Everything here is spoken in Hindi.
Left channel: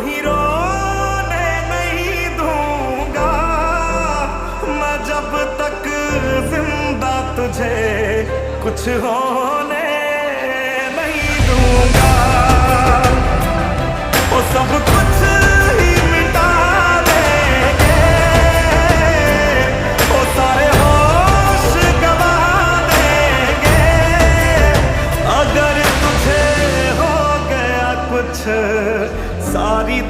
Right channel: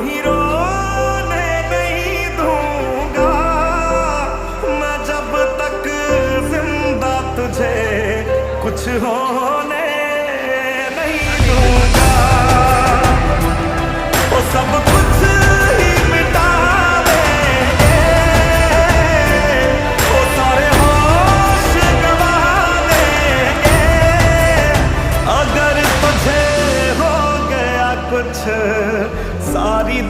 ही रोने नहीं दूंगा मैं जब तक जिंदा, तुझे कुछ होने नहीं दूंगा। वो सब कुछ ही मिटा देंगे, वो सारे होश गवा देंगे अगर तुझे हो गया कुछ, सारी